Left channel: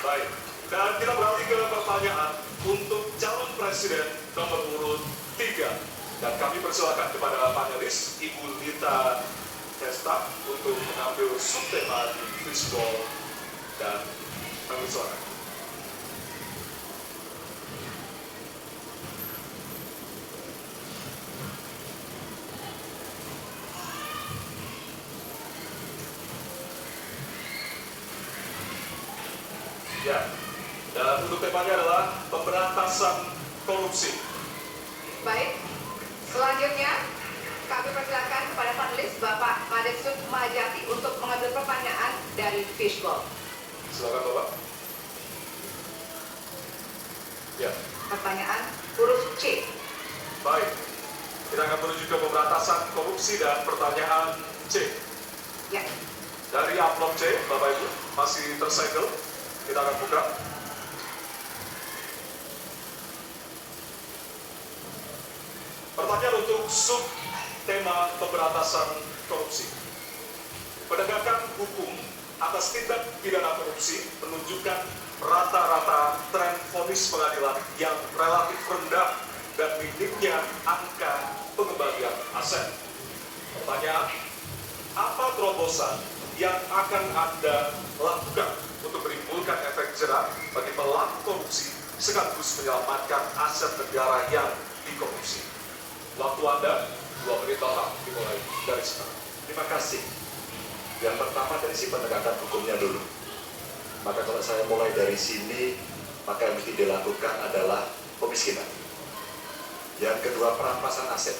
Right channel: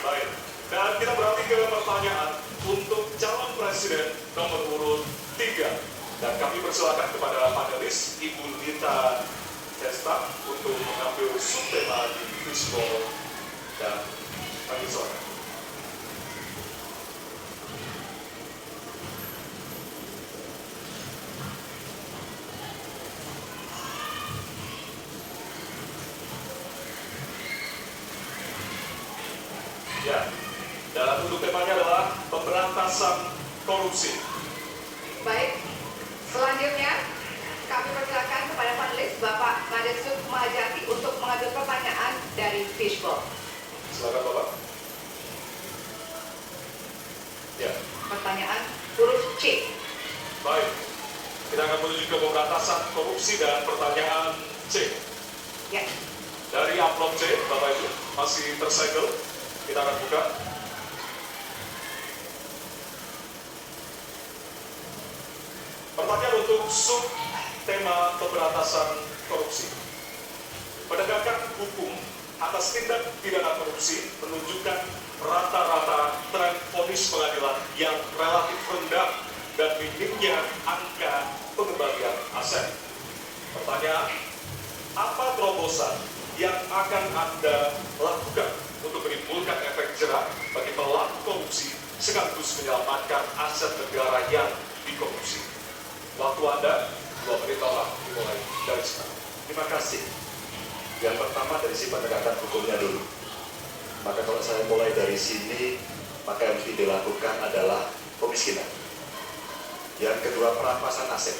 Baik, dan kita beralih ke pertanyaan untuk calon presiden nomor urut 3. Dan kami persilakan kepada panelis Ibu Lita Testa untuk mengambil subtema di fishball dan kami silakan. Ya, dan untuk temanya adalah pemberantasan korupsi. Baik, selanjutnya kami persilakan kepada panelis Bapak Mades Sukmajati untuk mengambil pertanyaan dari Fishball. Silakan Bapak. Ya. Pertanyaan huruf C. Baik, kita akan menuju ke pemberantasan korupsi dan pertanyaan C. Ya. Dari amplop C, Bapak Ibu, masih tersegel. Kita akan buka. Pertanyaan untuk sub tema pemberantasan korupsi. Penegakan hukum atas tindak pidana korupsi menunjukkan rata-rata tren vonis pengadilan yang relatif rendah dan minimnya angka pengembalian aset. Pertanyaan, apa terobosan yang akan Anda lakukan untuk menimbulkan efek jerah bagi pelaku korupsi sekaligus menyelamatkan aset negara yang dikorupsi? Waktu Anda 2 menit total dimulai dari sekarang. Terima kasih. Yang pertama dari si penegakan hukumnya dulu. Maka kalau saya mulai dari sini, maka yang mesti dilakukan adalah pemiskinan. Yang kedua, perampasan aset.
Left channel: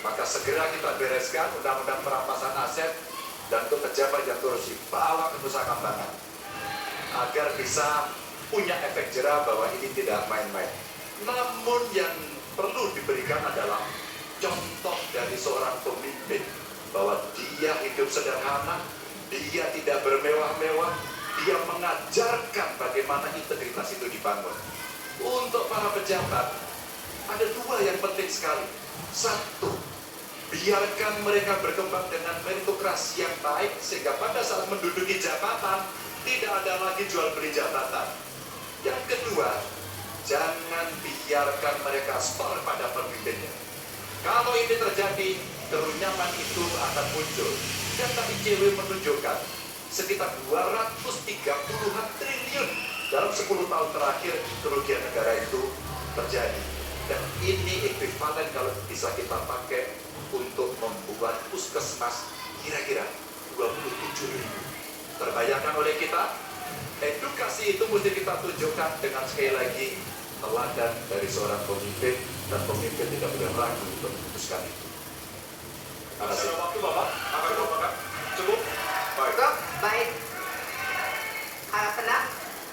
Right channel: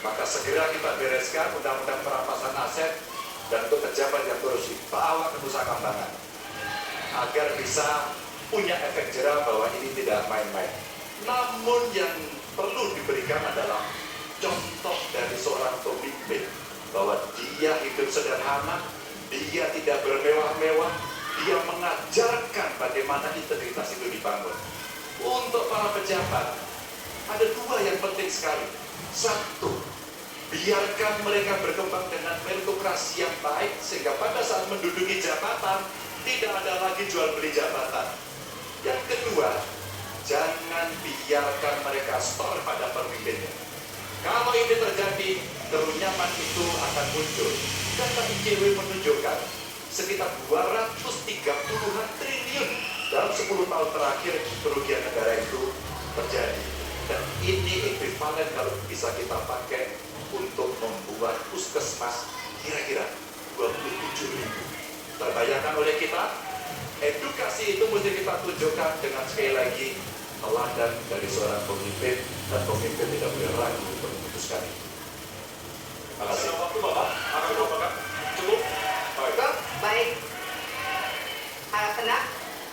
Maka segera kita bereskan undang-undang perampasan aset dan untuk pejabat yang korupsi bawa ke Nusa Kambangan agar bisa punya efek jerah bahwa ini tidak main-main. Namun yang perlu diberikan adalah contoh dari seorang pemimpin bahwa dia hidup sederhana, dia tidak bermewah-mewah, dia mengajarkan bagaimana integritas itu dibangun. Untuk para pejabat, ada 2 yang penting sekali. 1, biarkan mereka berkembang dengan meritokrasi yang baik sehingga pada saat menduduki jabatan tidak ada lagi jual beli jabatan. Yang kedua, jangan biarkan mereka store pada pemimpinnya. Kalau ini terjadi, kerunyaman itu akan muncul. Data ICW menunjukkan sekitar 230-an triliun dalam 10 tahun terakhir kerugian negara itu terjadi. Dan ini ekuivalen kalau bisa kita pakai untuk membuat puskesmas kira-kira 27.000. Terbayangkan oleh kita, edukasi itu mesti kita tunjukkan dengan sekali lagi teladan dari seorang pemimpin, dan pemimpin tidak boleh ragu untuk memutuskan itu. Terima kasih. Waktu Bapak akan dibawakan. Cukup? Baik. Cukup? Baik. Harap tenang.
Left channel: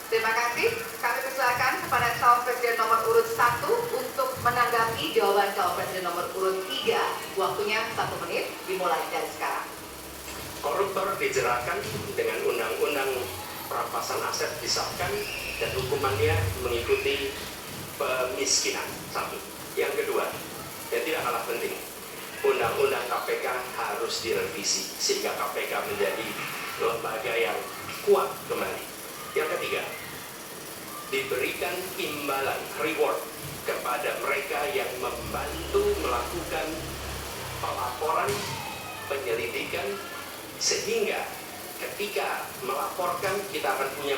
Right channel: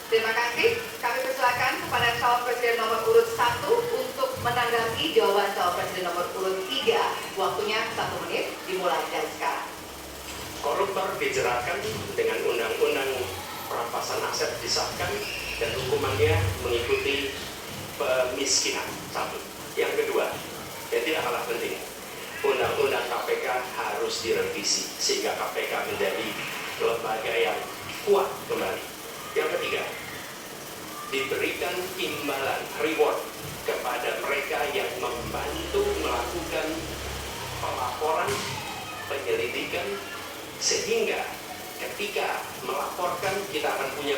Terima kasih. Kami persilakan kepada calon presiden nomor urut 1 untuk menanggapi jawaban calon presiden nomor urut 3. Waktunya 1 menit, dimulai dari sekarang. Koruptor dijeratkan dengan undang-undang perampasan aset disahkan dan hukumannya mengikuti pemiskinan. 1. Yang kedua, yang tidak kalah penting, undang-undang KPK harus direvisi sehingga KPK menjadi lembaga yang kuat kembali. Yang ketiga, diberikan imbalan reward kepada mereka yang membantu melakukan pelaporan, penyelidikan, sehingga ketika melaporkan kita akan punya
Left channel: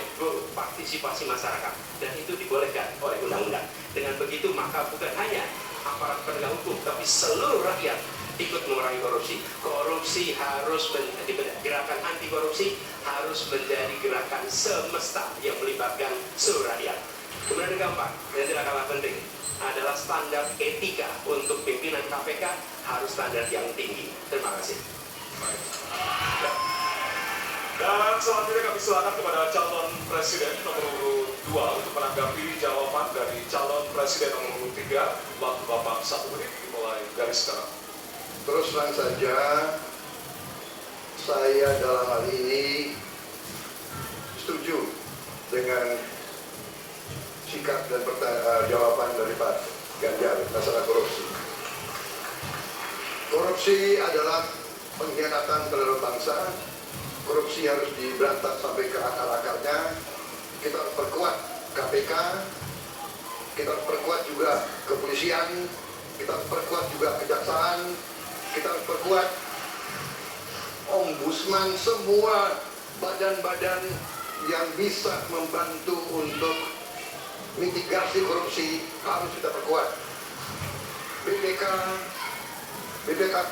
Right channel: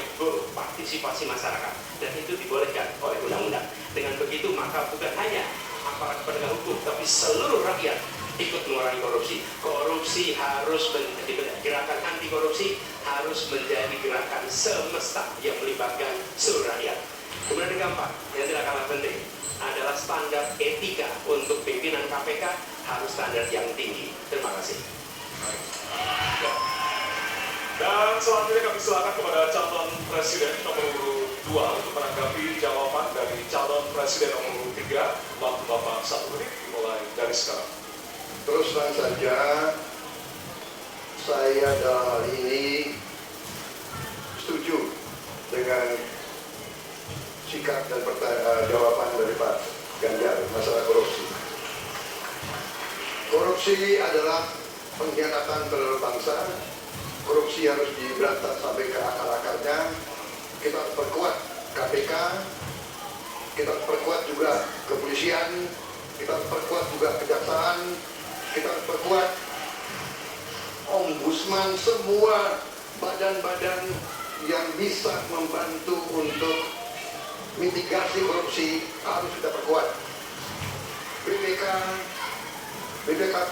partisipasi masyarakat dan itu dibolehkan oleh undang-undang. Dengan begitu maka bukan hanya aparat penegak hukum tapi seluruh rakyat ikut mengurangi korupsi. Korupsi harus menjadi gerakan anti korupsi, harus menjadi gerakan semesta yang melibatkan seluruh rakyat. Kemudian yang keempat, yang tidak kalah penting adalah standar etika untuk pimpinan KPK harus standar yang tinggi. Terima kasih. Dan selanjutnya kami silakan kepada calon presiden nomor urut 2 untuk menanggapi jawaban dari calon presiden nomor urut 3. Waktu Bapak 1 menit dimulai dari sekarang. Terus terang saja, saya dalam hal ini setuju dengan sikap dan jawaban dari Pak Ganjar masalah korupsi. Korupsi adalah pengkhianatan terhadap bangsa. Korupsi harus diberantas sampai ke akar-akarnya, kita harus perkuat KPK, kita harus perkuat juga kepolisian, kita harus perkuat juga kejaksaan, kita harus perkuat ombudsman, semua badan-badan yang bisa membantu untuk mitigasi korupsi harus kita perkuat. BPK, BPKP,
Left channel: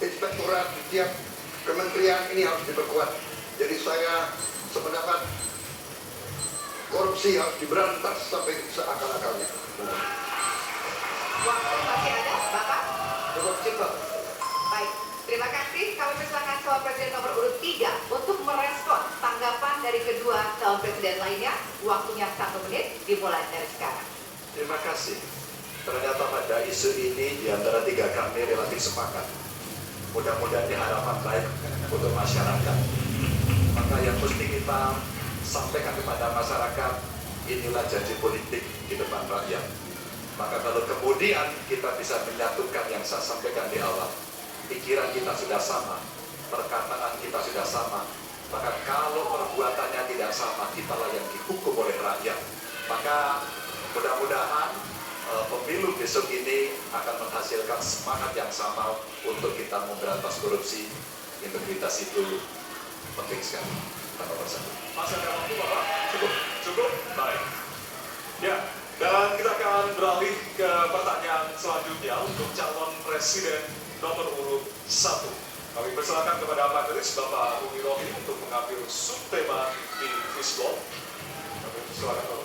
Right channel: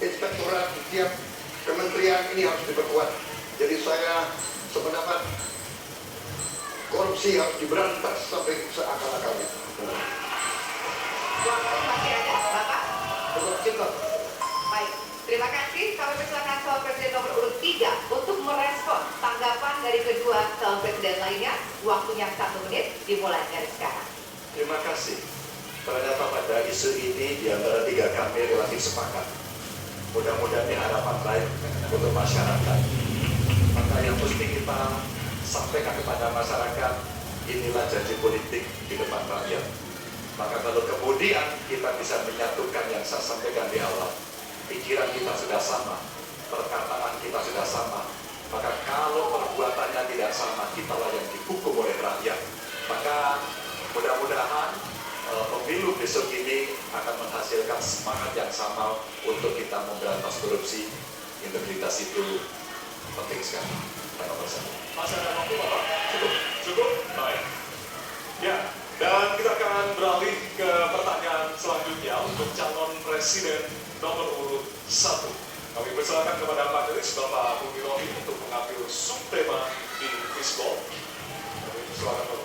inspektorat di tiap kementerian ini harus diperkuat. Jadi saya sependapat korupsi harus diberantas sampai seakal-akalnya. Waktu masih ada, Bapak? Baik, terima kasih. Kami persilakan calon presiden nomor urut 3 untuk merespon tanggapan dari kedua calon presiden lainnya. Waktunya 1 menit, dimulai dari sekarang. Terima kasih. Ternyata pada isu ini di antara tiga kami relatif sepakat. Mudah-mudahan ini harapan baik untuk masyarakat. Maka yang mesti kita sampaikan kepada masyarakat, inilah janji politik di depan rakyat. Maka kalau kemudian kita bisa menyatukan yang saya sampaikan di awal, pikiran kita sudah sama, perkataan kita sudah sama, maka kalau perbuatannya tidak sama, kitalah yang dihukum oleh rakyat. Maka mudah-mudahan pemilu besok ini akan menghasilkan semangat yang sama untuk kita memberantas korupsi. Integritas itu penting sekali. Nomor 1. Masih ada waktu, Bapak? Cukup. Cukup? Baik. Ya, dan kita akan beralih ke pertanyaan selanjutnya untuk calon presiden nomor urut 1. Kami persilakan kepada panelis Bapak Bumi Rohi untuk mengambil subtema di fishbowl. Kami persilakan Bapak.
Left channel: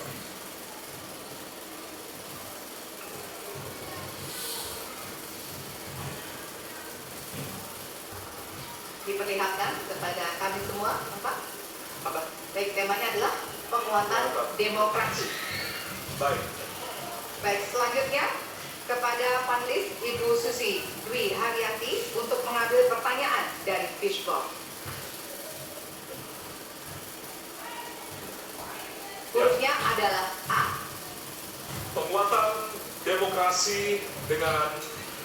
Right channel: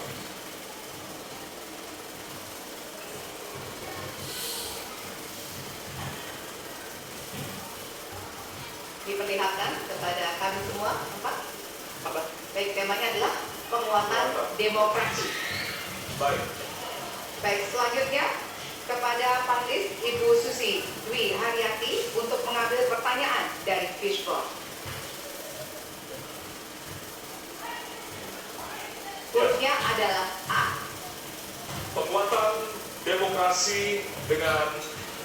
Diperlihatkan kepada kami semua, Bapak. Apa? Baik, temanya adalah penguatan demokrasi. Baik. Baik, selanjutnya kepada panelis Ibu Susi Dwi Haryati untuk mengambil pertanyaan dari fishbowl. Hurufnya adalah A. Penguatan demokrasi dengan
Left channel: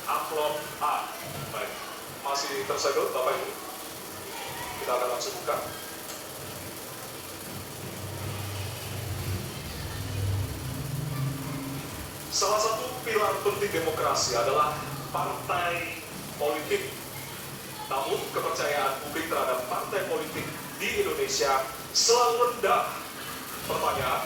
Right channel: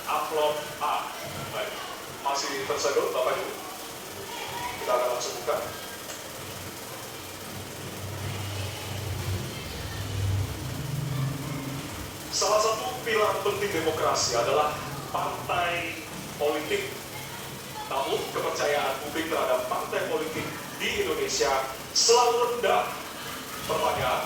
amplop A. Baik. Masih tersegel, Bapak Ibu? Kita akan langsung buka. Salah satu pilar penting demokrasi adalah partai politik. Namun kepercayaan publik terhadap partai politik di Indonesia selalu rendah. Pertanyaan,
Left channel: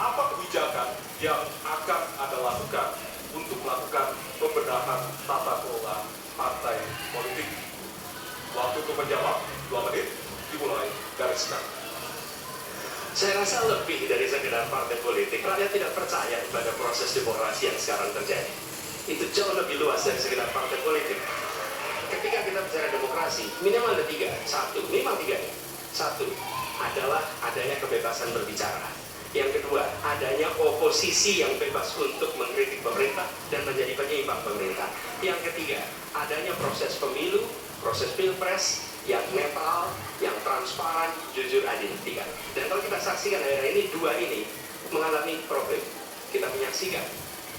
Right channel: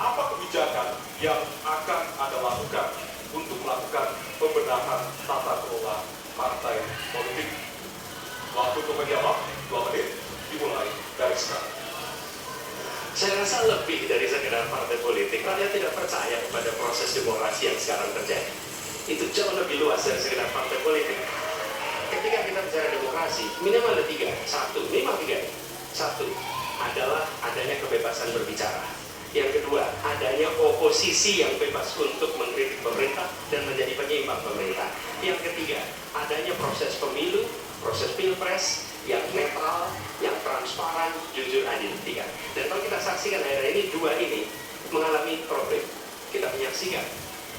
apa kebijakan yang akan Anda lakukan untuk melakukan pembenahan tata kelola partai politik? Waktu untuk menjawab 2 menit, dimulai dari sekarang. Saya rasa lebih dari sekedar partai politik, rakyat tidak percaya kepada proses demokrasi yang sekarang terjadi. Itu jauh lebih luas dari sekedar partai politik. Ketika kita bicara demokrasi, minimal ada 3. 1, minimal 3. 1 adalah adanya kebebasan berbicara. Yang kedua, adanya oposisi yang bebas untuk mengkritik pemerintah dan menjadi penyeimbang pemerintah. Yang ketiga, adanya proses pemilu, proses pilpres yang netral, yang transparan, jujur, adil. 3. Dan kalau kita saksikan akhir-akhir ini, 2 ini mengalami problem. Kita menyaksikan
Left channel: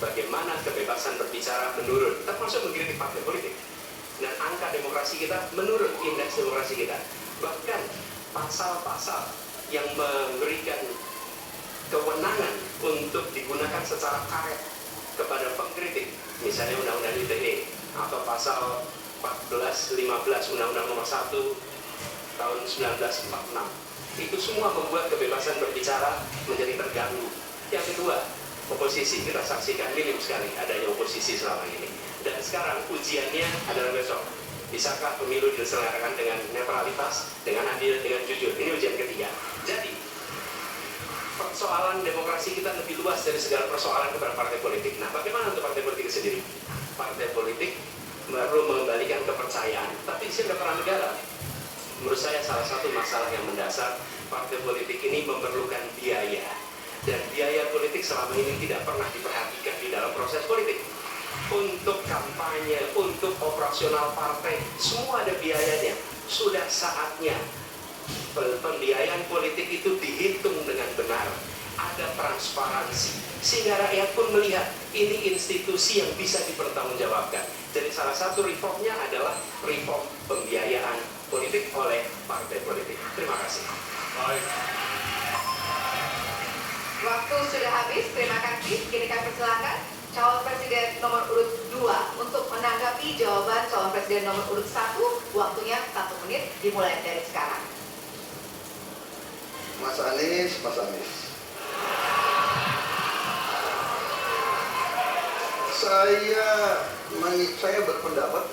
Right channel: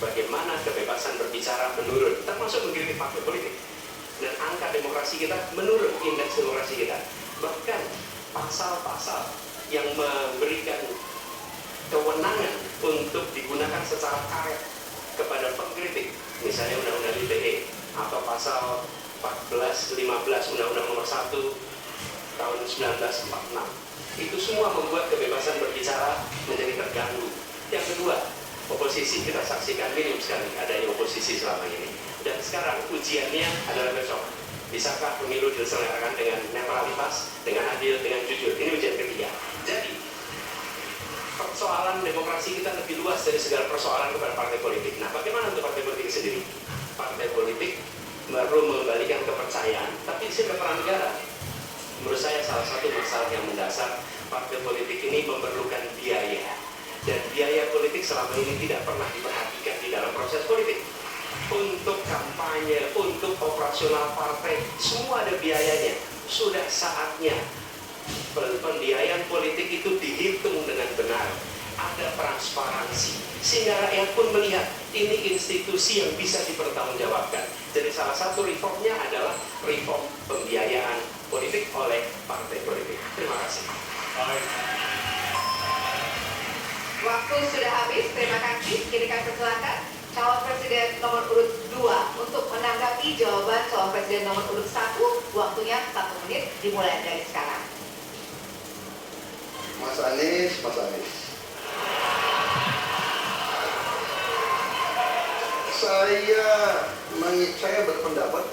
bagaimana kebebasan berbicara menurun, termasuk mengkritik partai politik. Dan angka demokrasi kita menurun, indeks demokrasi kita. Bahkan pasal-pasal yang memberikan kewenangan untuk digunakan secara karet kepada pengkritik, misalnya Undang-Undang ITE atau pasal 14-15 Undang-Undang Nomor 1 tahun 1946, itu semua membuat kebebasan berbicara menjadi terganggu. Yang kedua, oposisi kita saksikan minim sekali adanya oposisi selama ini. Dan sekarang ujiannya adalah besok. Bisakah pemilu diselenggarakan dengan netralitas, dengan adil, dengan jujur? Ini ujian ketiga. Jadi persoalan demokrasi kita lebih luas dari segala persoalan kepada partai politik. Nah, bagaimana untuk partai politik sendiri? Partai politik baru mengembalikan kepercayaan, tapi di sini ada peran negara. Menurut saya salah satu masalah yang mendasar, partai politik ini memerlukan biaya, dan biaya politik selama ini tidak pernah diperhatikan di dalam proses politik. Untuk kampanye, untuk operasional partai, semua ada biayanya. Sudah saatnya pembiayaan politik itu dihitung dengan benar, ada transparansi, sehingga rakyat pun melihat ini institusi yang bisa dipertanggungjawabkan. Jadi salah satu reformnya adalah reform pembiayaan politik oleh partai politik. Terima kasih. Baik. Waktu sudah habis, terima kasih. Kini kami persilakan calon presiden nomor urut 2 untuk menanggapi jawaban calon presiden nomor urut 1. Waktunya 1 menit, dimulai dari sekarang. Mas Anies. Saya berpendapat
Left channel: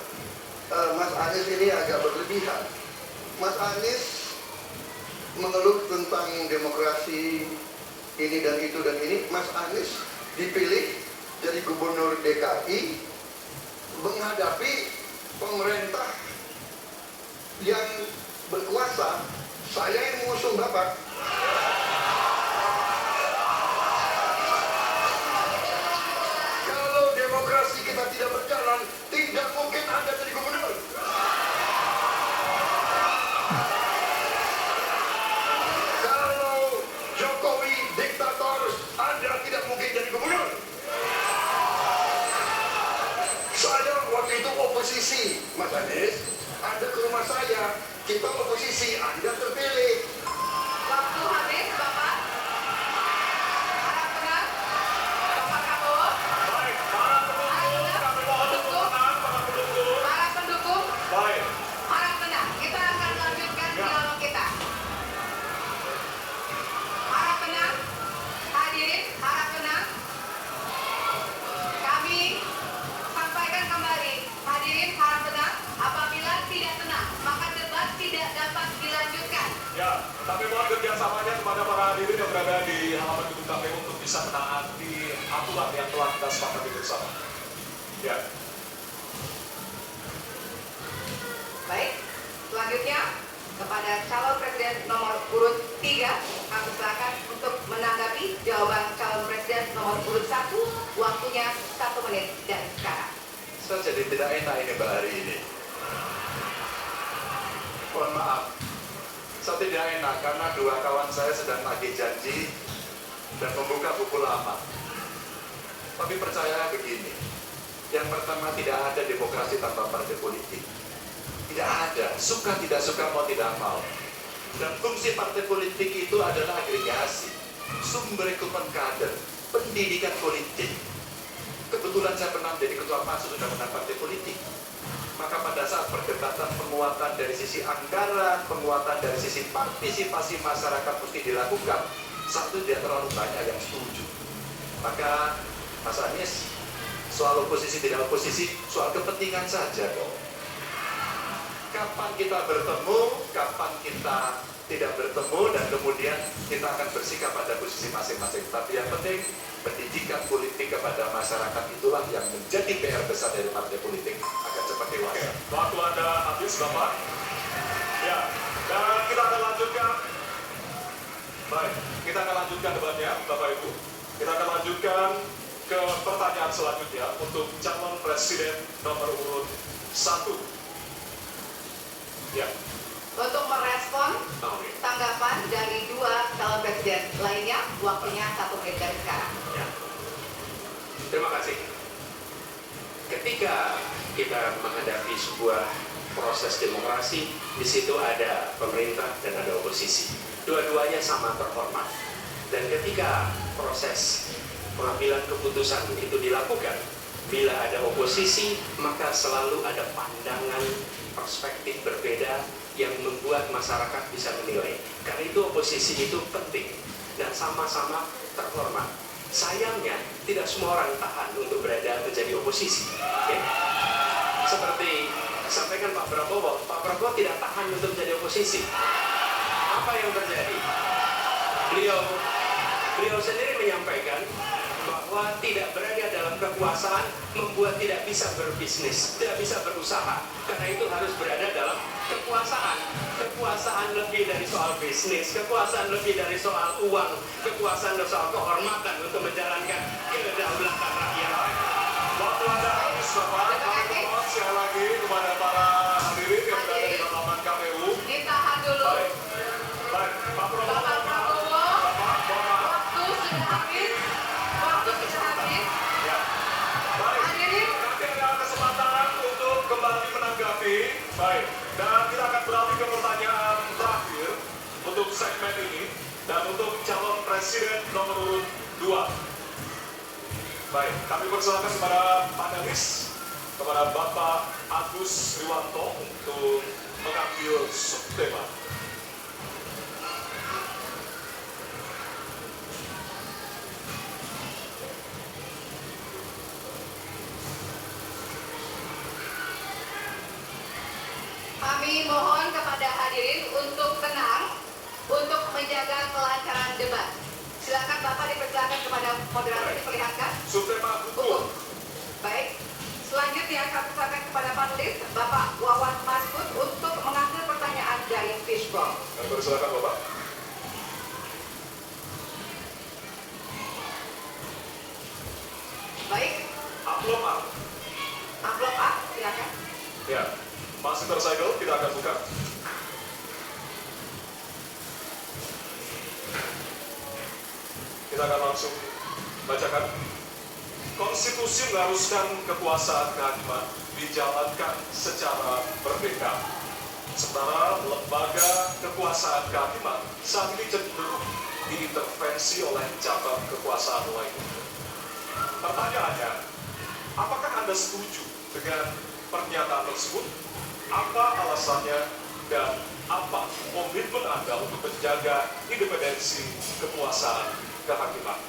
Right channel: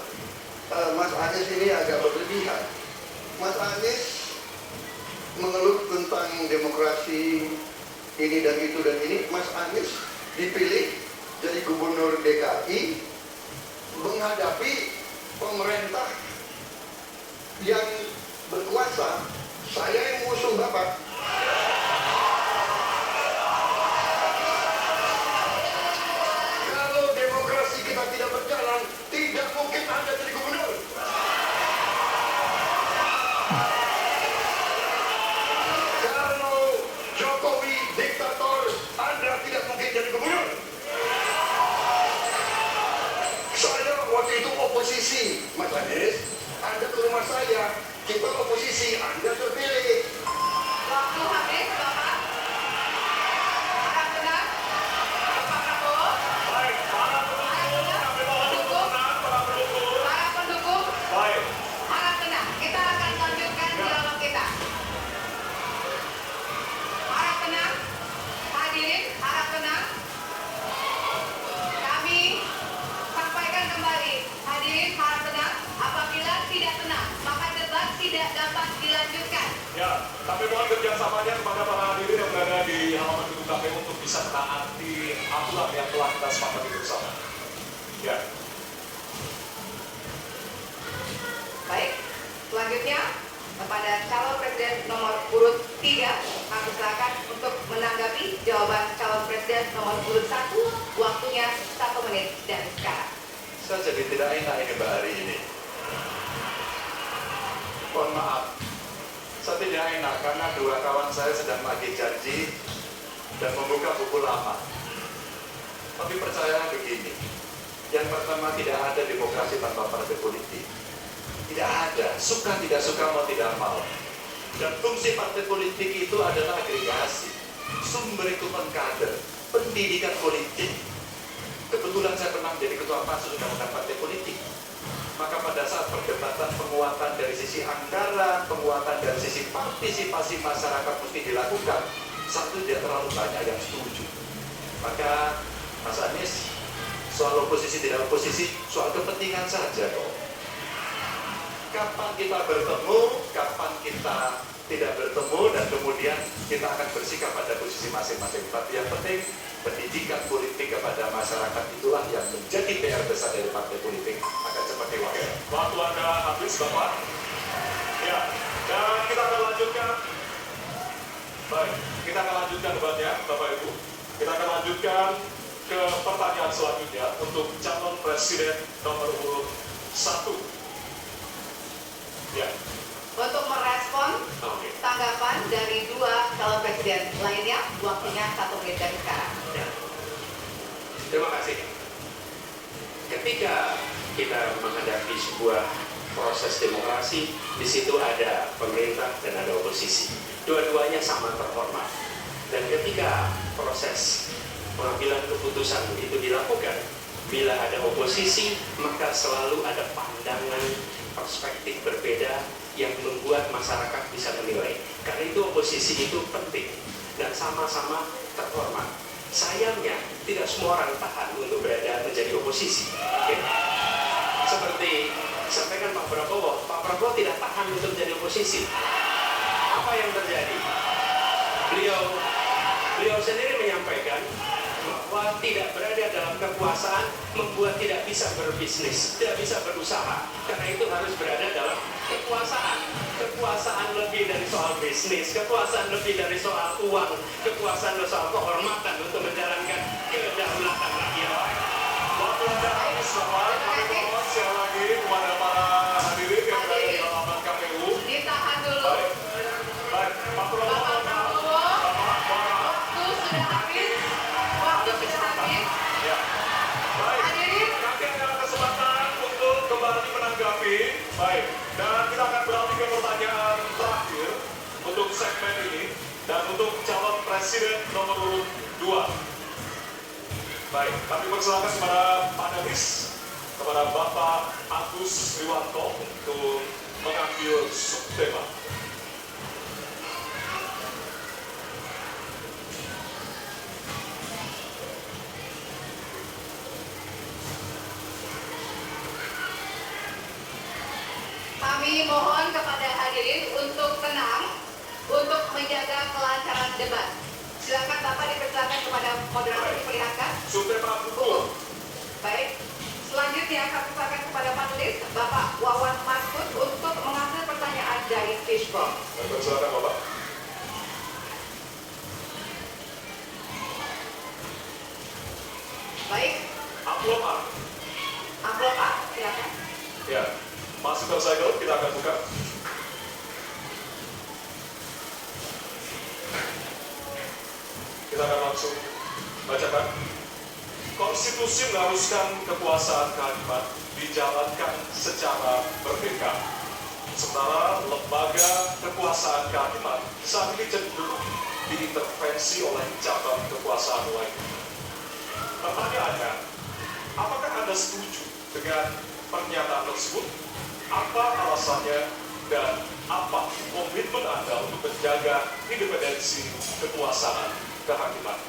Mas Anies ini agak berlebihan. Mas Anies mengeluh tentang demokrasi ini dan itu dan ini. Mas Anies dipilih jadi gubernur DKI menghadapi pemerintah yang berkuasa. Saya yang mengusung Bapak. Kalau demokrasi kita tidak berjalan, tidak mungkin Anda jadi gubernur. Kalau Jokowi diktator, Anda tidak mungkin jadi gubernur. Saya waktu itu oposisi, Mas Anies. Anda ke rumah saya, kita oposisi, Anda terpilih. Waktu habis, Bapak. Harap tenang. Bapak Prabowo. Baik, para pendukung, kami mohon untuk tenang, para pendukung. Para pendukung, Baik, harap tenang. Kita akan lanjutkan dialog kita. Harap tenang. Hadirin, harap tenang. Kami sampaikan kembali. Hadirin, harap tenang. Apabila tidak tenang, maka debat tidak dapat dilanjutkan. ya, kami mohon kerjasamanya kepada para hadirin yang berada di halaman gedung KPU untuk bisa menaati aturan yang telah kita sepakati bersama. Ya, Baik, selanjutnya kepada calon presiden nomor urut 3, kami silakan untuk menanggapi jawaban calon presiden nomor urut 1. Waktunya 1 menit dari sekarang. Saya jadi tidak enak ini Mbak hari ini. Mohon maaf, saya tidak enak karena dua kawan saya sedang lagi janji dan membuka buku lama. Tapi percayalah begini, yang pertama tidak ada demokrasi tanpa partai politik. Tidak ada, suka tidak suka mau tidak mau. Dan fungsi partai politik itu adalah agregasi, sumber rekrutmen kader, pendidikan politik. Kebetulan saya pernah menjadi ketua pansus undang-undang partai politik. Maka pada saat perdebatan penguatan dari sisi anggaran, penguatan dari sisi partisipasi masyarakat mesti dilakukan, satu tidak terlalu banyak yang setuju. Maka Mas Anies, soal oposisi tidak oposisi, soal kepentingan saja kok. Kapan kita bertemu, kapan kita tidak bertemu, dan kemudian kita akan bersikap pada posisi masing-masing. Tapi yang penting, pendidikan politik kepada masyarakat itulah yang menjadi PR besar dari partai politik akan cepat dewasa. waktu Anda habis, Bapak. Ya, dan kita akan lanjutkan. Baik, kita akan lanjutkan debatnya, Bapak Ibu. Kita akan lanjutkan ke pertanyaan selanjutnya untuk calon presiden nomor urut 1. Ya, Untuk merespon Oke. tanggapan dari 2 calon presiden lainnya, waktunya 1 menit dari sekarang. Ya. Terima kasih. Ketika kita menghadapi sebuah proses demokrasi, di situ ada pemerintah dan ada oposisi. Dua-duanya sama terhormat. Dan ketika proses pengambilan keputusan itu dilakukan, bila ada oposisi, maka selalu ada pandangan perspektif berbeda yang membuat masyarakat bisa menilai. Karena itu oposisi itu penting dan sama-sama terhormat. Sayangnya tidak semua orang tahan untuk berada menjadi oposisi. Oke? Seperti sampaikan Pak Prabowo tidak tahan untuk menjadi oposisi. Apa yang terjadi? Beliau sendiri menyampaikan bahwa tidak berada dalam kekuasaan membuat tidak bisa berbisnis, tidak bisa berusaha. Karena itu harus berada dalam kekuasaan. Kekuasaan lebih dari soal bisnis, kekuasaan lebih dari soal uang, kekuasaan dari soal kehormatan untuk menjalankan kedaulatan rakyat. waktu Anda habis, Bapak. Kami mohon sekali lagi kepada para hadirin yang berada di halaman KPU. Ditahan dulu. Baik, baik, Pak Prabowo. Bapak Prabowo, Bapak, mohon maaf. waktu sudah habis. Waktu sudah habis. Ya. Baik, Hadirin, nanti ada kesempatan untuk kembali menanggapi. Baik, dan kita akan beralih ke pertanyaan terakhir untuk segmen ini. Dan untuk calon presiden Presiden nomor urut 2. Baik, kami persilakan kepada panelis, kepada Bapak Agus Riwanto untuk mengambil subtema. Kami mohon kepada hadirin untuk tenang, untuk menjaga kelancaran debat. Silakan Bapak dipersilakan kepada moderator diperlihatkan. Subtema hukum. Baik. Selanjutnya kami silakan kepada panelis Bapak Wawan Maskud untuk mengambil pertanyaan dari Fishball. Kami persilakan Bapak. Baik. Amplop A. Amplop A, silakan. Ya, masih tersegel, kita akan buka. Kita akan langsung bacakan. Konstitusi mengharuskan kekuasaan kehakiman dijalankan secara merdeka. Sementara lembaga kekuasaan kehakiman saat ini cenderung diintervensi oleh cabang kekuasaan lainnya. Pertanyaannya, apakah Anda setuju dengan pernyataan tersebut? Apa alasannya dan apa komitmen Anda untuk menjaga independensi kekuasaan kehakiman?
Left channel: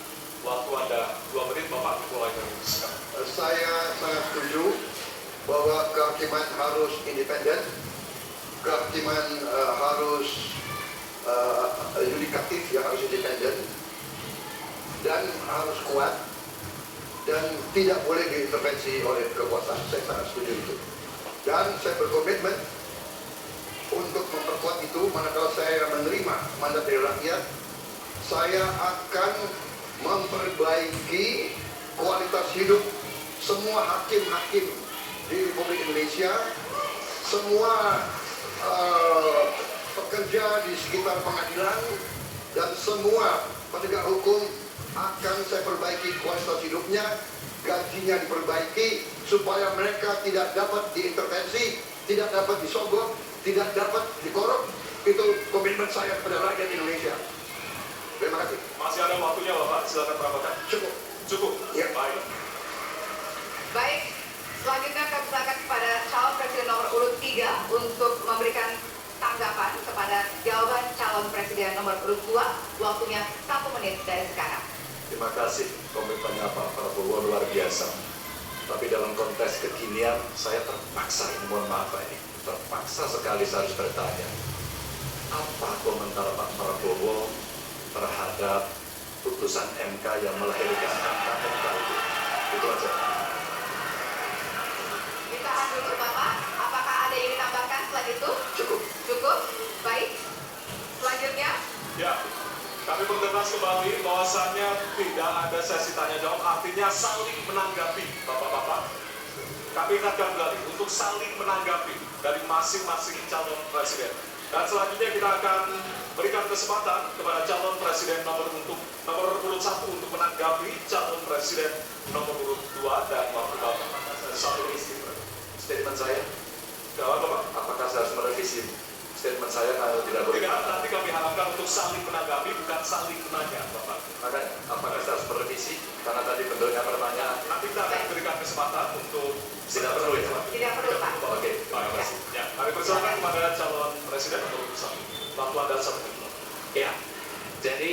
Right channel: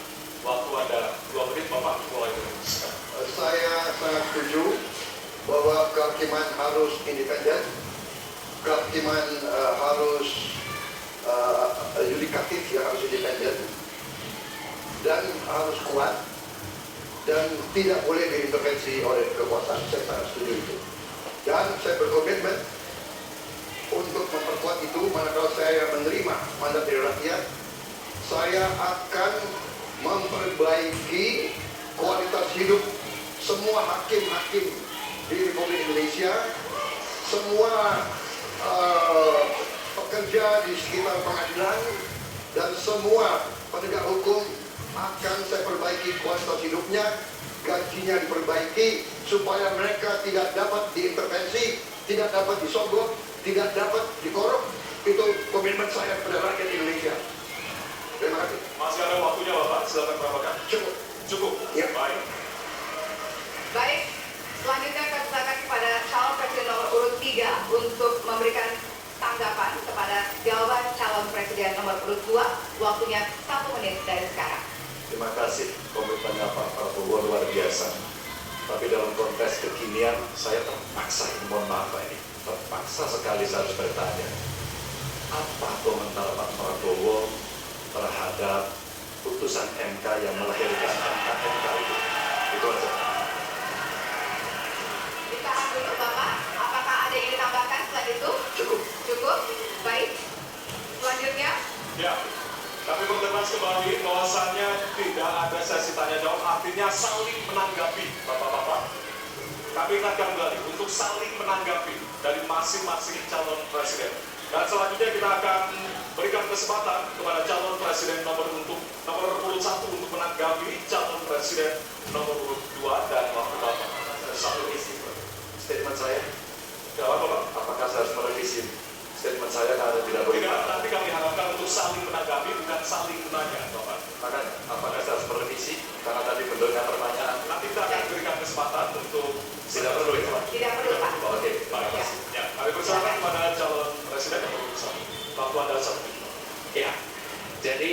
Waktu Anda 2 menit, Bapak mulai dari sekarang. Saya sangat setuju bahwa kehakiman harus independen, kehakiman harus yudikatif, ya harus independen, dan harus kuat, dan tidak boleh diintervensi oleh kekuasaan. Saya sangat setuju itu. Dan saya berkomitmen untuk memperkuat itu. Manakala saya menerima mandat dari rakyat, saya akan memperbaiki kualitas hidup semua hakim-hakim di Republik Indonesia, semua pekerja di sekitar pengadilan, dan semua penegak hukum akan saya perbaiki kualitas hidupnya, gajinya diperbaiki supaya mereka tidak dapat diintervensi, tidak dapat disogok, tidak dapat dikorup. Itu komitmen saya kepada rakyat Indonesia. Terima kasih. Masih ada waktunya Bapak, silakan tambahkan. Cukup. Cukup? Ya. Baik. Baik. Selanjutnya kami silakan kepada calon presiden nomor urut 3 untuk memberikan tanggapan kepada jawaban calon presiden nomor urut 2. Waktunya 1 menit dari sekarang. Terima kasih, komitmennya Pak Prabowo luar biasa. Tapi dalam konteks kekinian, saya terpaksa, mohon maaf Pak ini, terpaksa sekali saya harus bertanya. Apa komentar Pak Prabowo terhadap putusan MK yang melahirkan MK itu? Itu aja. Ditahan dulu Bapak, apakah ada yang ditambahkan setelah itu? Cukup. Cukup? Baik. Selanjutnya, Ya, kami bertegas kembali bahwasannya tidak ada sesi tanya jawab, artinya saling menanggapi, Bapak-Bapak. Kami ingatkan kembali untuk saling menanggapi dari masing-masing calon presiden. Dan selanjutnya kita akan berikan kesempatan kepada calon presiden nomor urut 1 untuk menanggapi calon presiden nomor urut 2 dan waktu Bapak. Satu isi Statement saya, jawab Bapak. apakah saya harus merevisi statement saya kalau tidak boleh? Tidak, nanti kami harapkan untuk saling menanggapi, bukan saling menanya, Bapak. Makanya, apakah saya harus merevisi? Karena tadi bentuknya pertanyaan. Nanti kita akan berikan kesempatan untuk Tidak perlu ya? tidak perlu Pak. Oke, Terima kasih. Ya, kami persilakan kepada calon presiden nomor urut 1. Waktu Anda 1 menit. Ya, jadi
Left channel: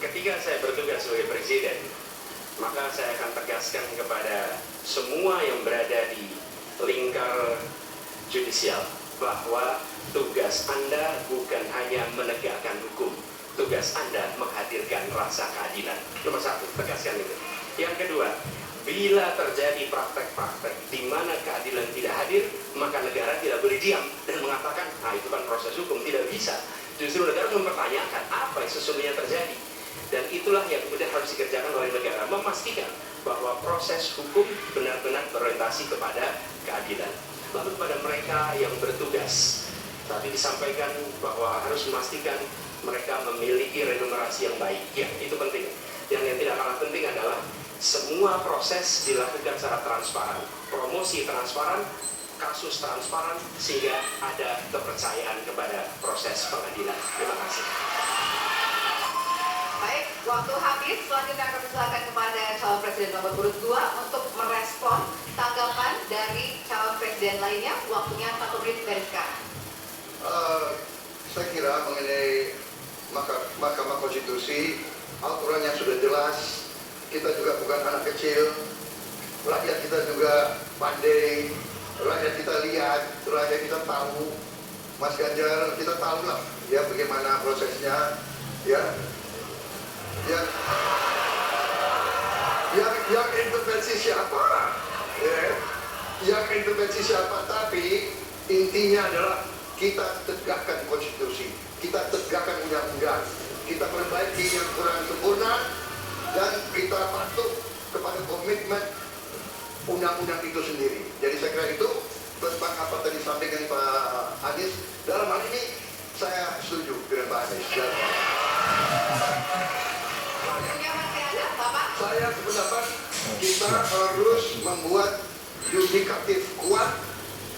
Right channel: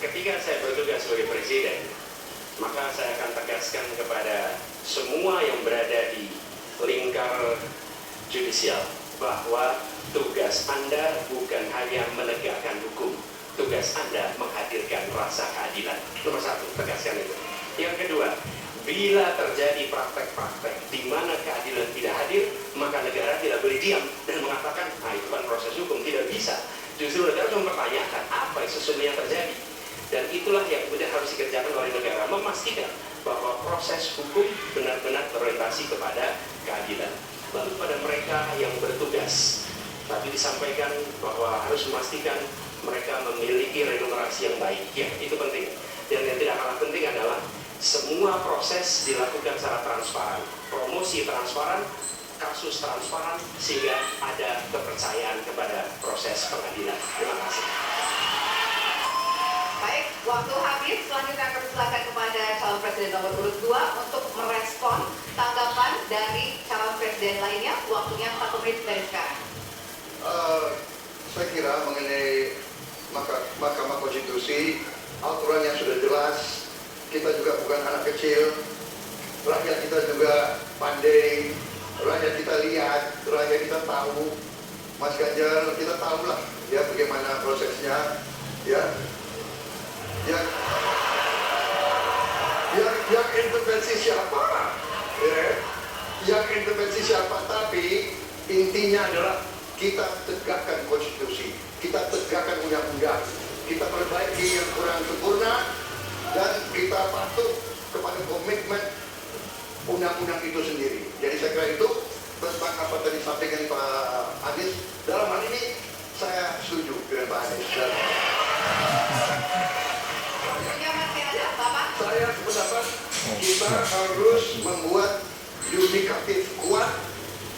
ketika saya bertugas sebagai presiden, maka saya akan tegaskan kepada semua yang berada di lingkar judisial bahwa tugas Anda bukan hanya menegakkan hukum, tugas Anda menghadirkan rasa keadilan. Nomor 1, tegaskan itu. Yang kedua, bila terjadi praktek-praktek di mana keadilan tidak hadir, maka negara tidak boleh diam dan mengatakan, itu kan proses hukum, tidak bisa. Justru negara harus mempertanyakan apa yang sesungguhnya terjadi. Dan itulah yang kemudian harus dikerjakan oleh negara, memastikan bahwa proses hukum benar-benar berorientasi kepada keadilan. Lalu pada mereka yang bertugas, tadi disampaikan bahwa harus memastikan mereka memiliki remunerasi yang baik. Ya, itu penting. Dan yang tidak kalah penting adalah semua proses dilakukan secara transparan, promosi transparan, kasus transparan, sehingga ada kepercayaan kepada proses pengadilan. Terima kasih. Baik. waktu habis. Selanjutnya kami silakan kepada calon presiden nomor urut 2 untuk merespon tanggapan dari calon presiden lainnya. Waktunya 1 menit dari sekarang. Saya kira mengenai Mahkamah Konstitusi, aturannya sudah jelas. Kita juga bukan anak kecil. Rakyat kita juga pandai. Rakyat kita lihat, rakyat kita tahu. Mas Ganjar, kita tahu lah ya bagaimana prosesnya, ya. Yang intervensi siapa? Ya. Yang intervensi siapa? Tapi intinya adalah kita tegakkan konstitusi, kita tegakkan undang-undang, kita perbaiki yang kurang sempurna, dan kita patuh kepada komitmen undang-undang itu sendiri. Jadi saya kira itu tentang apa tadi disampaikan Pak Anies. Dalam hal ini saya setuju dengan Pak Anies. Waktunya masih ada, Bapak. Saya sependapat kita harus membuat yudikatif kuat,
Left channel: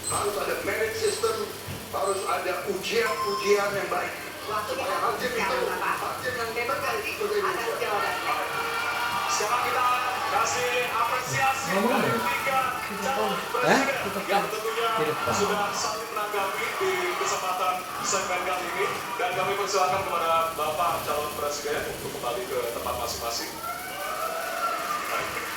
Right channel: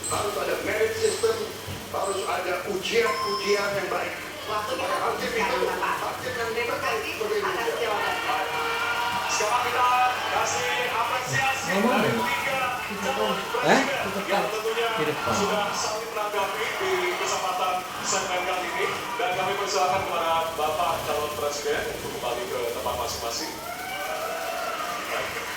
harus ada merit system, harus ada ujian-ujian yang baik. Waktunya Supaya hakim sekarang, itu Bapak. hakim yang Terima kasih atas jawabannya. Sekarang kita kasih apresiasi dari 3 calon presiden yang tentunya sudah saling menanggapi di kesempatan segmen kali ini, dan kami persilakan kepada Bapak calon presiden untuk kembali ke tempat masing-masing. Baik.